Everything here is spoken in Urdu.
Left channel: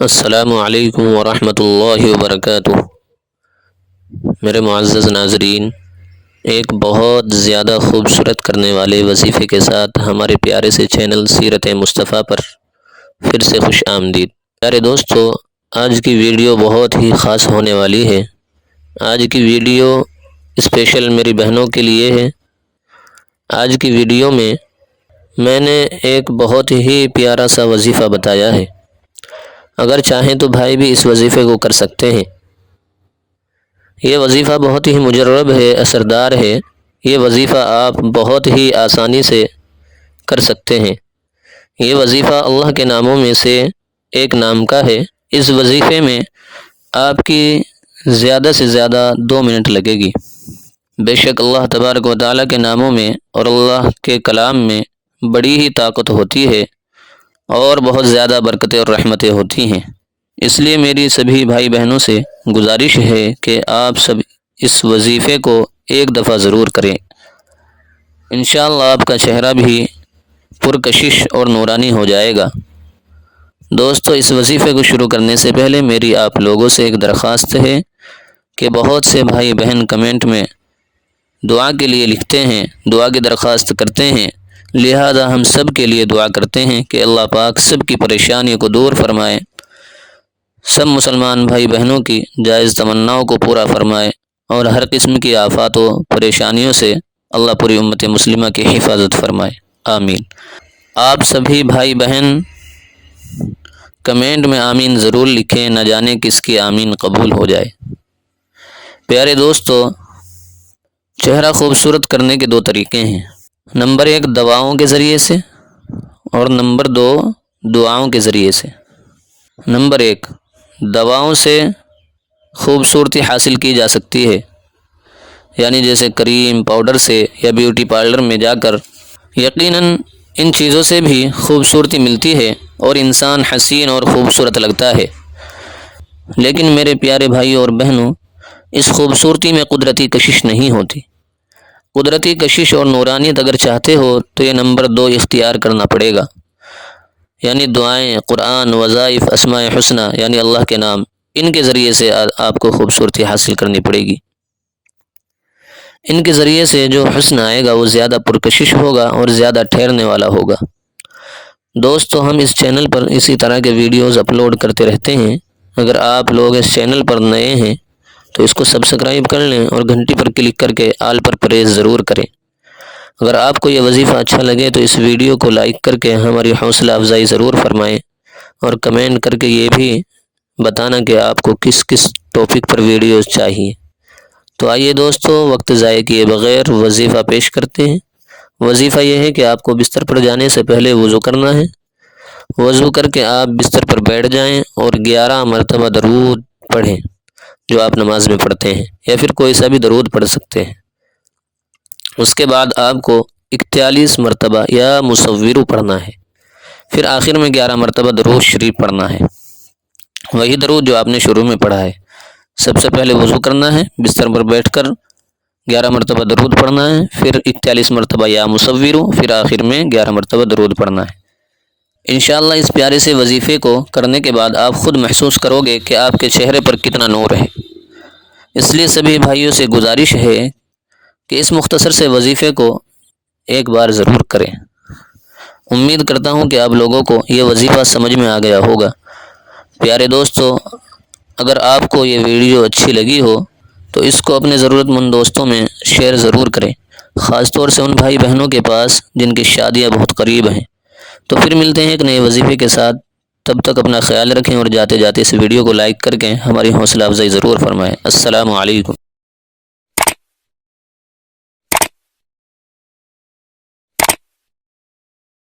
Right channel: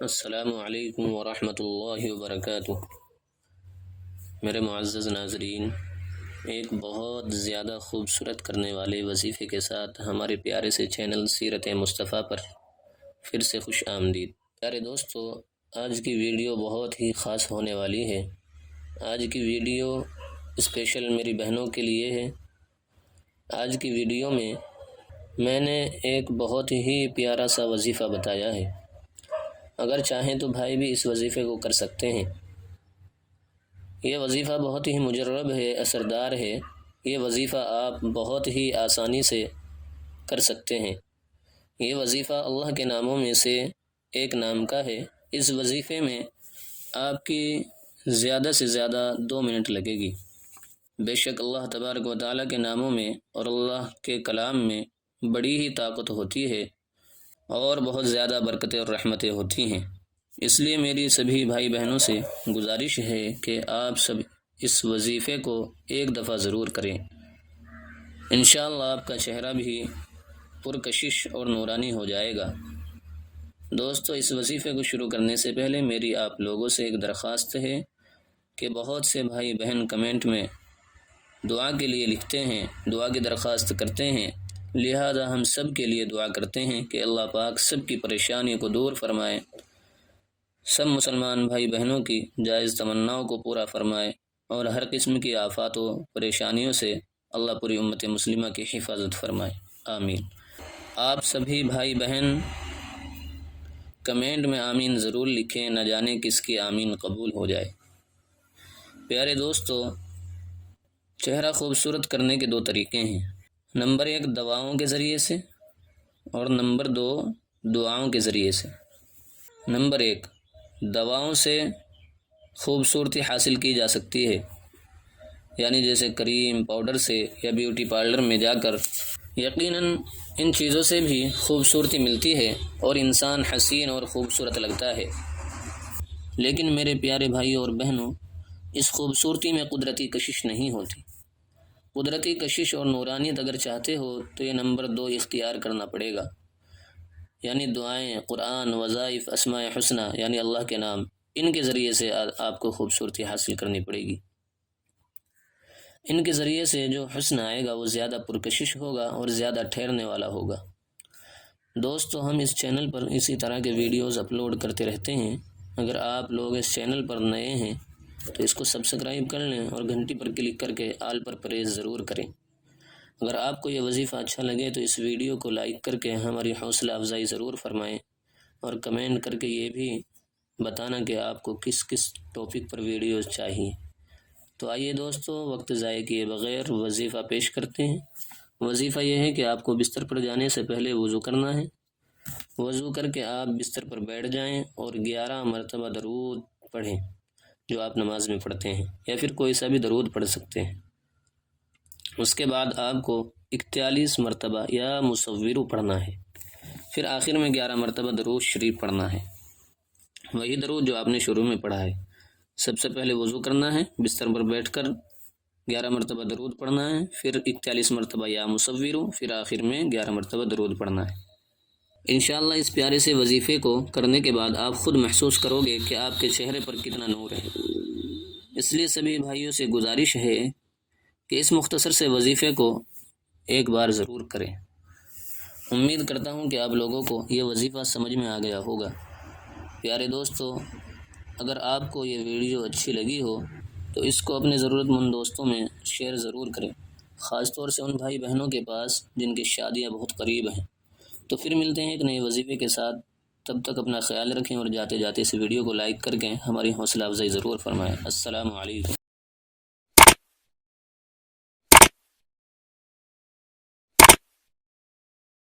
السلام علیکم ورحمۃ اللہ وبرکاتہ۔ میرے معزز ناظرین، ایک بہت زیادہ خوبصورت کرنے والے وظیفے کے ساتھ ہمارے پیارے سے چینل سیرت مصطفیٰ پر پھر سے خوش آمدید۔ پیارے دوستو، آج کی ویڈیو بہت ہی خاص ہونے والی ہے۔ آج کی ویڈیو اسپیشل میری بہنوں کے لیے ہے۔ آج کی ویڈیو میں میں نے ایک بہت ہی پیارا سا وظیفہ بتایا ہے۔ اگر چاہیں تو بھائی بھی اس وظیفے کو کر سکتے ہیں۔ یہ وظیفہ بہت ہی مجرب ہے، اثردار ہے۔ یہ وظیفہ آپ بہت ہی آسانی سے کر سکتے ہیں۔ یہ وظیفہ اللہ کے ناموں میں سے ایک نام کا ہے۔ اس وظیفے میں آپ کی زیادہ سے زیادہ 2 منٹ لگے گی۔ بے شک اللہ تبارک و تعالیٰ کے ناموں میں اور اللہ کے کلام میں بڑی ہی طاقت ہوتی ہے اور بہت زیادہ برکتیں اور رحمتیں ہوتی ہیں۔ اس لیے میری سبھی بھائی بہنوں سے گزارش ہے کہ آپ سب اس وظیفے کو ایک دفعہ ضرور کریں۔ انشاءاللہ آپ کا چہرہ بھی پرکشش اور نورانی ہو جائے گا۔ دوستو، اس وظیفے کو شروع کرنے سے پہلے میری آپ لوگوں سے ایک درخواست ہے کہ بہت سے بھائی بہن کمنٹ میں دعا کے لیے لکھتے ہیں، دعا کی درخواست کرتے ہیں، لہذا ہم سب کے لیے دعا کرتے ہیں کہ اللہ پاک سب کی پریشانیوں کو دور فرمائے، سب مسلمان بھائی بہنوں کی جائز تمناؤں کو پورا فرمائے اور ہر قسم کی آفات و پریشانیوں سے اللہ پوری امت مسلمہ کی حفاظت فرمائے، آمین۔ آپ سبھی بھائی بہن کمنٹ میں آمین ضرور لکھیں، نہ جانے کس کی آمین قبول ہو جائے۔ پیارے دوستو، چہرہ خوبصورت کرنے کے 2 طریقے ہیں۔ نمبر 1 دواؤں کے ذریعے سے اور نمبر 2 دعاؤں کے ذریعے سے۔ نمبر 1 دواؤں سے خوبصورتی حاصل کی جا سکتی ہے، یعنی جیسے کریم، پاؤڈر سے یا بیوٹی پارلر میں جا کر۔ یقیناً ان چیزوں سے بھی خوبصورتی ملتی ہے اور انسان حسین اور خوبصورت لگتا ہے، لیکن میرے پیارے بھائیوں اور بہنوں، اس خوبصورتی میں قدرتی کشش نہیں ہوتی۔ قدرتی کشش اور نورانیت اگر چاہتے ہو تو یہ نمبر 2 اختیار کرنا پڑے گا، یعنی دعائیں، قرآن، وظائف، اسماء حسنہ یعنی اللہ کے نام، ان کے ذریعے سے آپ کو خوبصورتی حاصل کرنی پڑے گی۔ ان کے ذریعے سے جو حسن آئے گا وہ زیادہ پرکشش ہوگا اور زیادہ ٹھہرنے والا ہوگا۔ دوستو، ہم اس چینل پر اسی طرح کے ویڈیوز اپلوڈ کرتے رہتے ہیں۔ اگر آپ لوگ اس چینل پر نئے ہیں تو اس کو سبسکرائب کر لیں اور گھنٹی پر کلک کر کے آل پر پریس ضرور کریں۔ اگر آپ کو یہ وظیفہ اچھا لگے تو اس ویڈیو کو لائک کر کے ہماری حوصلہ افزائی ضرور فرمائیں اور کمنٹ کر کے یہ بھی بتانا کہ آپ کو کس کس ٹاپک پر ویڈیوز چاہیے۔ تو آئیے دوستو، وقت ضائع کیے بغیر وظیفہ پیش کرتے ہیں۔ وظیفہ یہ ہے کہ آپ کو بستر پر جانے سے پہلے وضو کرنا ہے۔ وضو کر کے آپ بستر پر بیٹھ جائیں اور 11 مرتبہ درود پڑھیں جو آپ نماز میں پڑھتے ہیں، یا پھر کوئی سا بھی درود پڑھ سکتے ہیں۔ اس کے بعد آپ کو 41 مرتبہ یا مصورو پڑھنا ہے، پھر آخر میں 11 مرتبہ درود شریف پڑھنا ہے، وہی درود جو آپ نے شروع میں پڑھا ہے۔ سب سے پہلے وضو کرنا ہے، بستر پر بیٹھ کر 11 مرتبہ درود پڑھنا ہے، پھر 41 مرتبہ یا مصورو، پھر آخر میں 11 مرتبہ درود پڑھنا ہے۔ انشاءاللہ اس پیارے سے وظیفے کو کرنے کے بعد آپ خود محسوس کرو گے کہ آپ کے چہرے پر کتنا نور ہے۔ اس لیے سبھی بھائیوں سے گزارش ہے کہ اس مختصر سے وظیفے کو ایک بار ضرور کریں۔ امید کرتا ہوں کہ آپ لوگوں کو یہ وظیفہ سمجھ میں آ گیا ہوگا۔ پیارے دوستو، اگر آپ کو یہ ویڈیو اچھی لگی ہو تو اس کو اپنے ضرورت مند دوستوں میں شیئر ضرور کریں، خاص طور سے ان بھائی بہنوں کے پاس جن کی شادیاں بہت قریب ہیں۔ تو پھر ملتے ہیں ایک نئے وظیفے کے ساتھ، تب تک اپنا خیال رکھیں اور جاتے جاتے اس ویڈیو کو لائک کر کے ہماری حوصلہ افزائی ضرور فرمائیں۔ السلام علیکم۔